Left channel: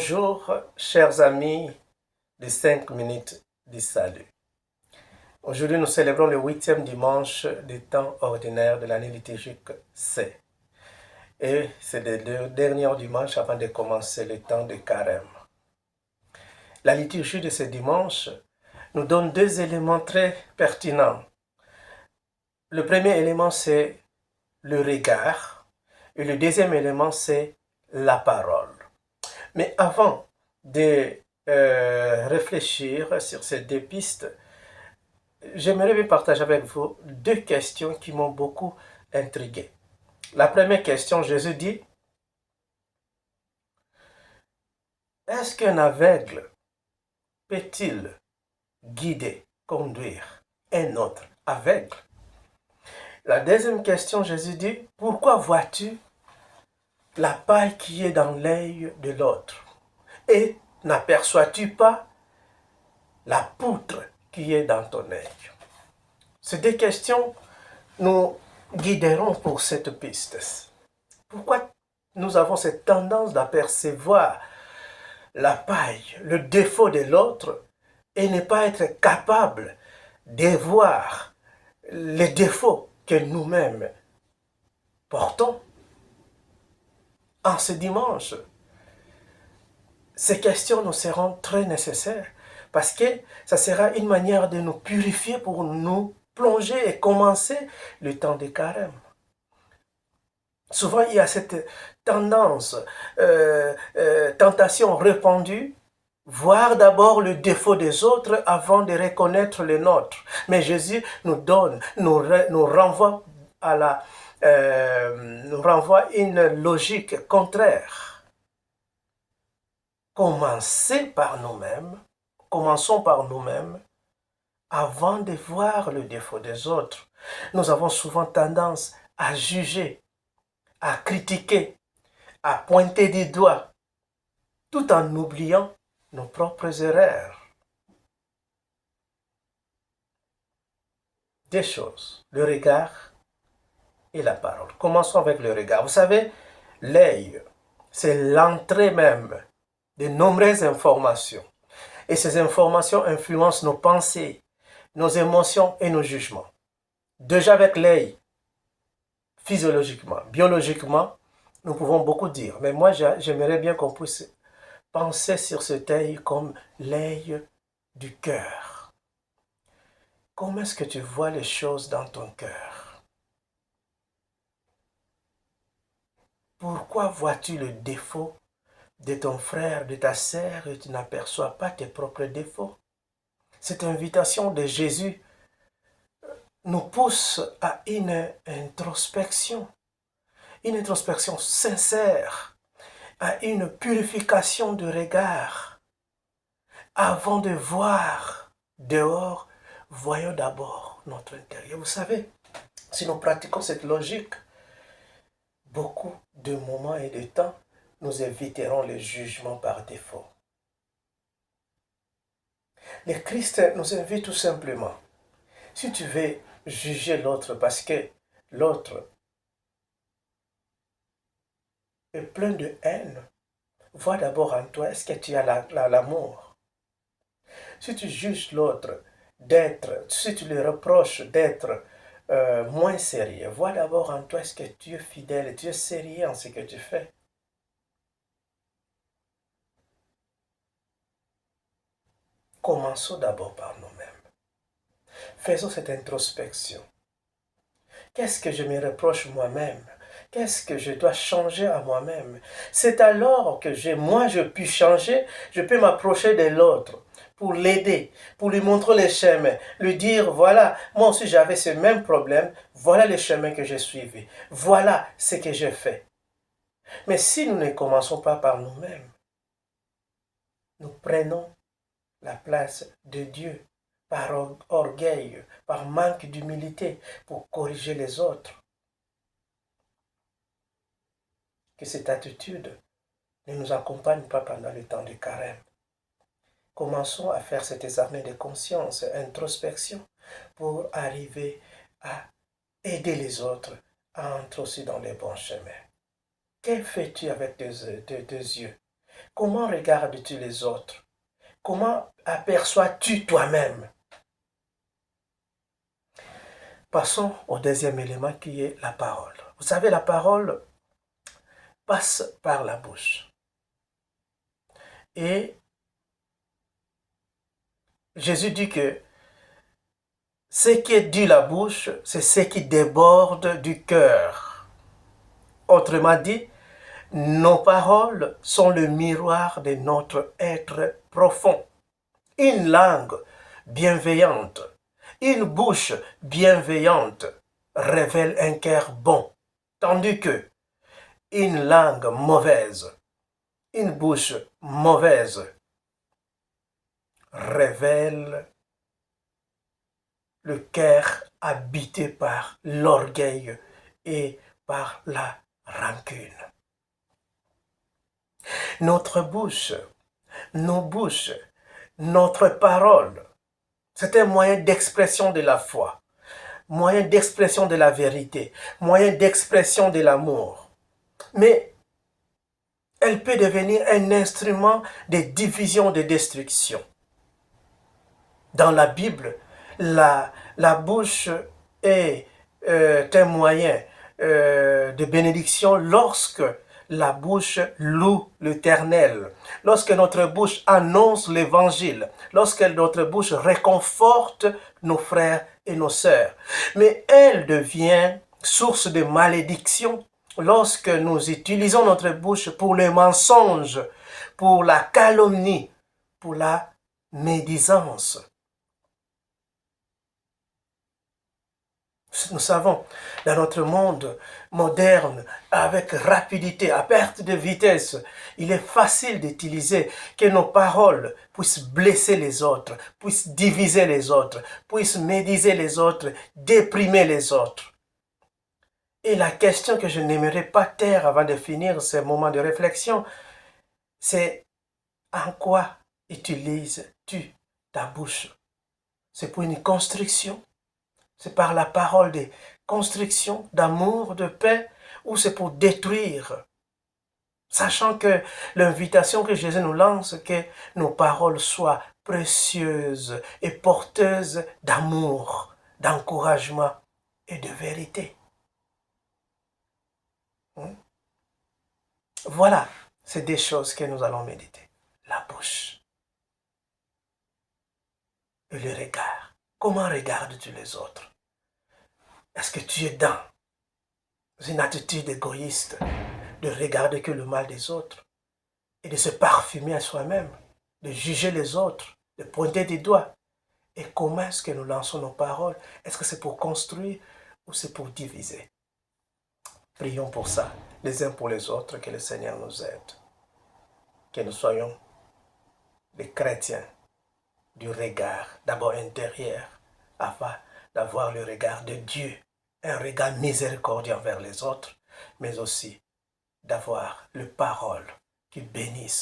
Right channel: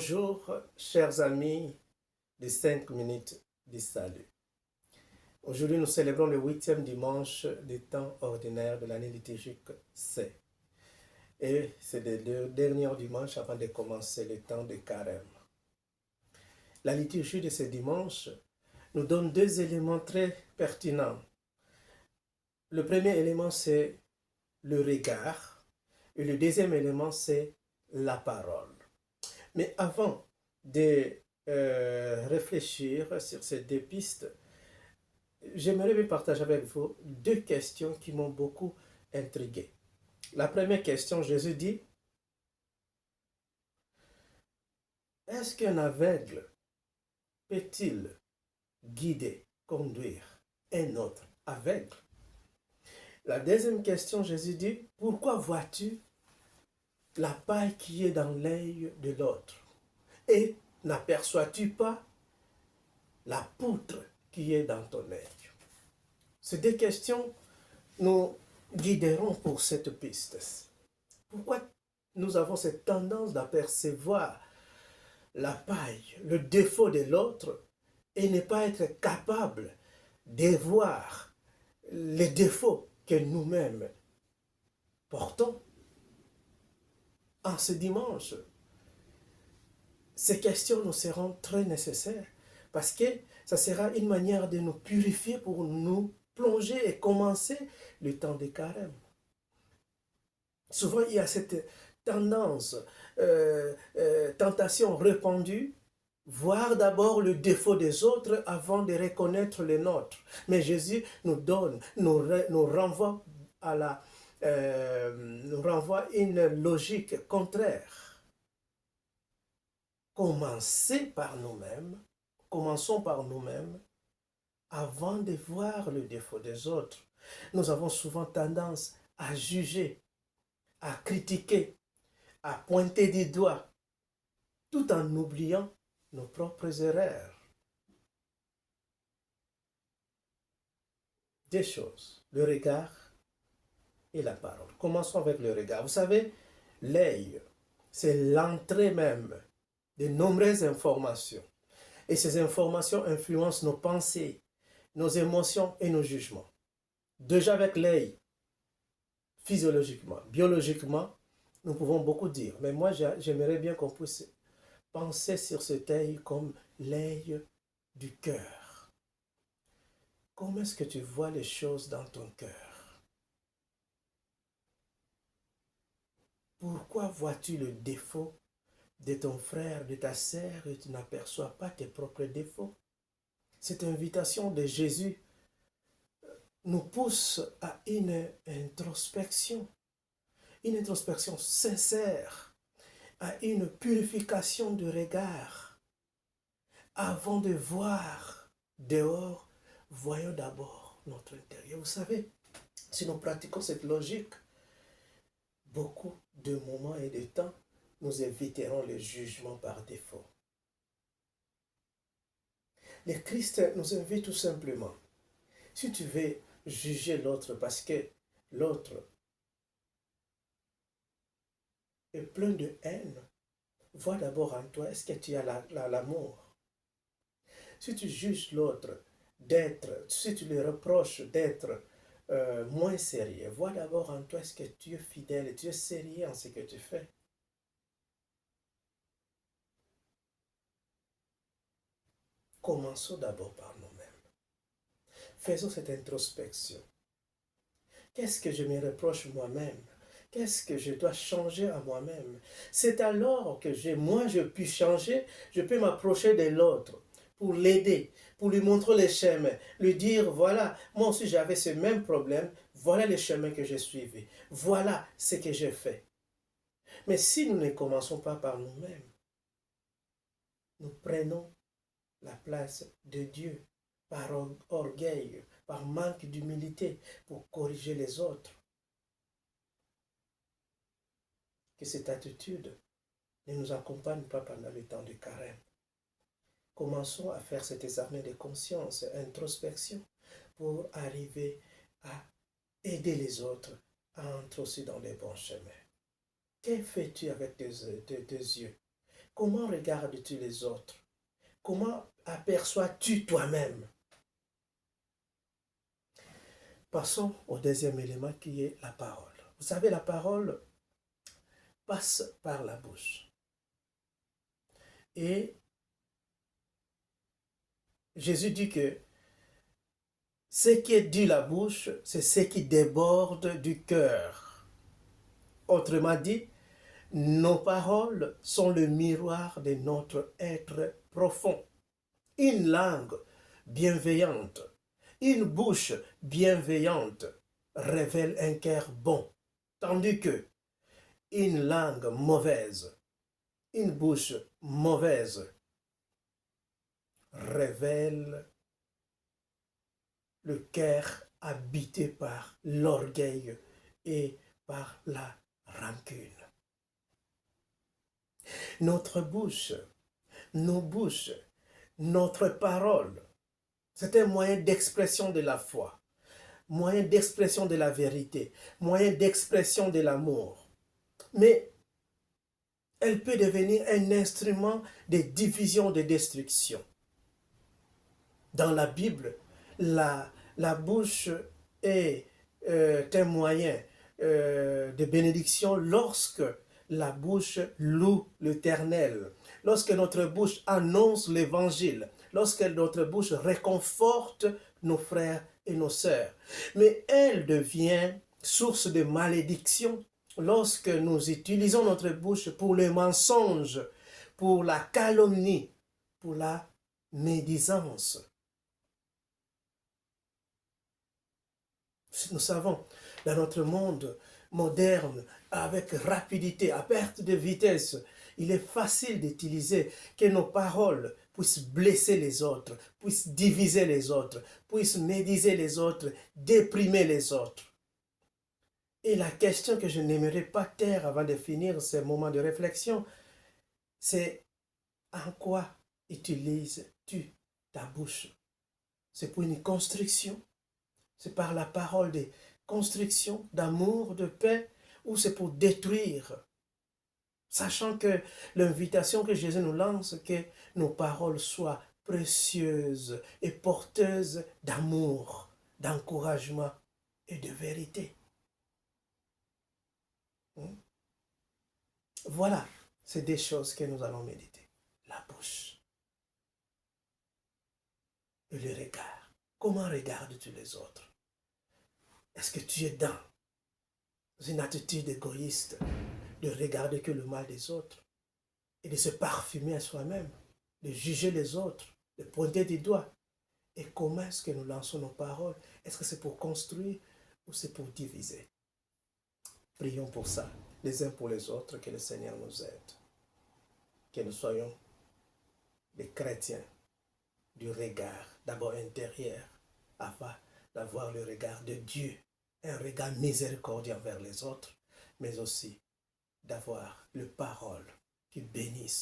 Bonjour, chers amis de 5 minutes du salut. Aujourd'hui, nous célébrons le 8e dimanche du temps ordinaire de l'année liturgique C. Et c'est le dernier dimanche avant de commencer le temps de carême. La liturgie de ce dimanche nous donne deux éléments très pertinents. Le premier élément, c'est le regard. Et le deuxième élément, c'est la parole. Mais avant de réfléchir sur ces deux pistes, j'aimerais bien partager avec vous deux questions qui m'ont beaucoup intrigué. La première question, Jésus dit, est-ce qu'un aveugle peut-il guider, conduire un autre aveugle? La deuxième question, Jésus dit, pourquoi vois-tu la paille qui est dans l'œil de l'autre? Et n'aperçois-tu pas la poutre qui est dans ton œil? Ces deux questions nous guideront pour cette piste. Pourquoi nous avons cette tendance d'apercevoir la paille, le défaut de l'autre et ne pas être capable de voir les défauts que nous-mêmes portons? En ce dimanche, ces questions nous seront très nécessaires parce que ça sera une manière de nous purifier pour nous plonger et commencer le temps de carême. Souvent, il y a cette tendance, tentation répandue, voir d'abord le défaut des autres avant de reconnaître le nôtre. Mais Jésus nous donne, nous renvoie nous renvoie une logique contraire. Commençons par nous-mêmes, avant de voir le défaut des autres. Nous avons souvent tendance à juger, à critiquer, à pointer du doigt, tout en oubliant nos propres erreurs. Deux choses, le regard et la parole. Commençons avec le regard. Vous savez, l'œil, c'est l'entrée même de nombreuses informations. Et ces informations influencent nos pensées, nos émotions et nos jugements. Déjà avec l'œil, physiologiquement, biologiquement, nous pouvons beaucoup dire. Mais moi, j'aimerais bien qu'on puisse penser sur cet œil comme l'œil du cœur. Comment est-ce que tu vois les choses dans ton cœur? Pourquoi vois-tu le défaut de ton frère, de ta sœur et tu n'aperçois pas tes propres défauts? Cette invitation de Jésus nous pousse à une introspection sincère, à une purification de regard. Avant de voir dehors, voyons d'abord notre intérieur. Vous savez, si nous pratiquons cette logique, beaucoup de moments et de temps, nous éviterons le jugement par défaut. Le Christ nous invite tout simplement. Si tu veux juger l'autre parce que l'autre est plein de haine, vois d'abord en toi, est-ce que tu as l'amour? Si tu juges l'autre si tu lui reproches d'être moins sérieux, vois d'abord en toi, est-ce que tu es fidèle, tu es sérieux en ce que tu fais? Commençons d'abord par nous-mêmes. Faisons cette introspection. Qu'est-ce que je me reproche moi-même? Qu'est-ce que je dois changer à moi-même? C'est alors que je puis changer, je peux m'approcher de l'autre pour l'aider, pour lui montrer les chemins, lui dire, voilà, moi aussi j'avais ce même problème, voilà les chemins que j'ai suivis, voilà ce que j'ai fait. Mais si nous ne commençons pas par nous-mêmes, nous prenons la place de Dieu par orgueil, par manque d'humilité pour corriger les autres. Que cette attitude ne nous accompagne pas pendant le temps de carême. Commençons à faire cet examen de conscience, introspection, pour arriver à aider les autres à entrer aussi dans les bons chemins. Que fais-tu avec tes yeux? Comment regardes-tu les autres? Comment aperçois-tu toi-même? Passons au deuxième élément qui est la parole. Vous savez, la parole passe par la bouche. Et Jésus dit que ce qui est dit la bouche, c'est ce qui déborde du cœur. Autrement dit, nos paroles sont le miroir de notre être profond. Une langue bienveillante, une bouche bienveillante révèle un cœur bon, tandis que une langue mauvaise, une bouche mauvaise révèle le cœur habité par l'orgueil et par la rancune. Notre bouche, nos bouches, notre parole, c'est un moyen d'expression de la foi, moyen d'expression de la vérité, moyen d'expression de l'amour. Mais elle peut devenir un instrument de division, de destruction. Dans la Bible, la bouche est un moyen de bénédiction lorsque la bouche loue l'Éternel, lorsque notre bouche annonce l'Évangile, lorsque notre bouche réconforte nos frères et nos sœurs. Mais elle devient source de malédiction lorsque nous utilisons notre bouche pour le mensonge, pour la calomnie, pour la médisance. Nous savons, dans notre monde moderne, avec rapidité, à perte de vitesse, il est facile d'utiliser que nos paroles puissent blesser les autres, puissent diviser les autres, puissent médiser les autres, déprimer les autres. Et la question que je n'aimerais pas taire avant de finir ce moment de réflexion, c'est en quoi utilises-tu ta bouche? C'est pour une construction? C'est par la parole de construction, d'amour, de paix, ou c'est pour détruire? Sachant que l'invitation que Jésus nous lance, que nos paroles soient précieuses et porteuses d'amour, d'encouragement et de vérité. Voilà, c'est des choses que nous allons méditer. La bouche et le regard. Comment regardes-tu les autres? Est-ce que tu es dans une attitude égoïste de regarder que le mal des autres et de se parfumer à soi-même, de juger les autres, de pointer des doigts? Et comment est-ce que nous lançons nos paroles? Est-ce que c'est pour construire ou c'est pour diviser? Prions pour ça, les uns pour les autres, que le Seigneur nous aide. Que nous soyons des chrétiens du regard, d'abord intérieur, afin d'avoir le regard de Dieu, un regard miséricordieux envers les autres, mais aussi d'avoir les paroles qui bénissent